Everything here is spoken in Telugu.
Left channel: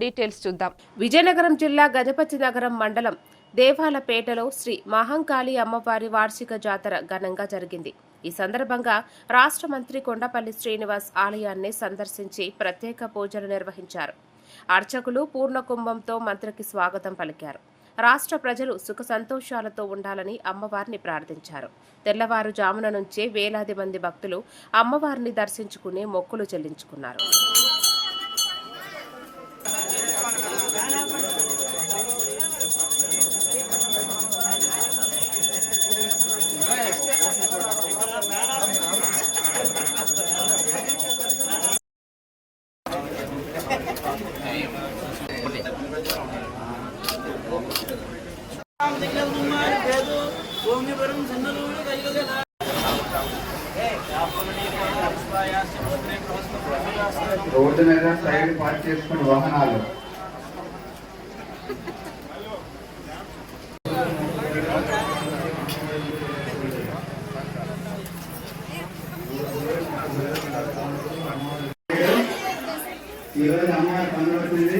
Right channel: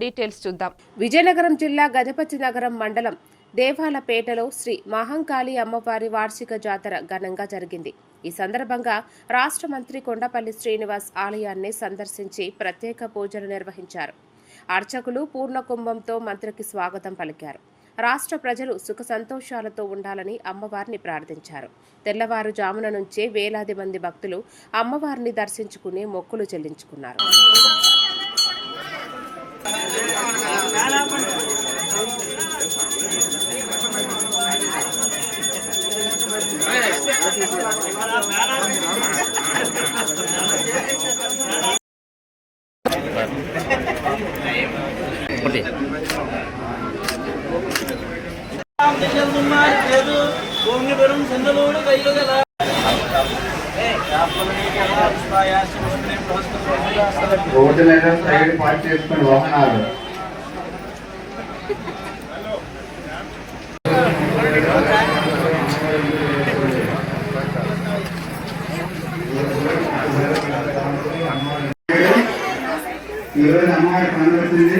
డీటెయిల్స్ చూద్దాం. విజయనగరం జిల్లా గజపతి నగరం మండలం దేవాలపేటలో శ్రీ మహంకాళి అమ్మవారి వార్షిక జాతర ఘనంగా జరిగింది. ఈ సందర్భంగా రాష్ట్ర మంత్రి కొండపల్లి శ్రీనివాస్ ఆలయాన్ని సందర్శించి ప్రత్యేక పూజలు నిర్వహించారు. అర్చకులు పూర్ణకుంభంతో మంత్రికి స్వాగతం పలికారు. రాష్ట్ర ప్రజలు సుఖ సంతోషాలతో ఉండాలని అమ్మవారిని ప్రార్థించారు. తెల్లవారుజామున నుంచే వేలాది మంది భక్తులు అమ్మవారిని దర్శించుకుని మొక్కులు చెల్లించుకున్నారు. రోడ్డు మీద సైడ్ పార్క్ చేసుకుని వాహనాలు ఈరోజు అమ్మవారి పనులు వచ్చింది.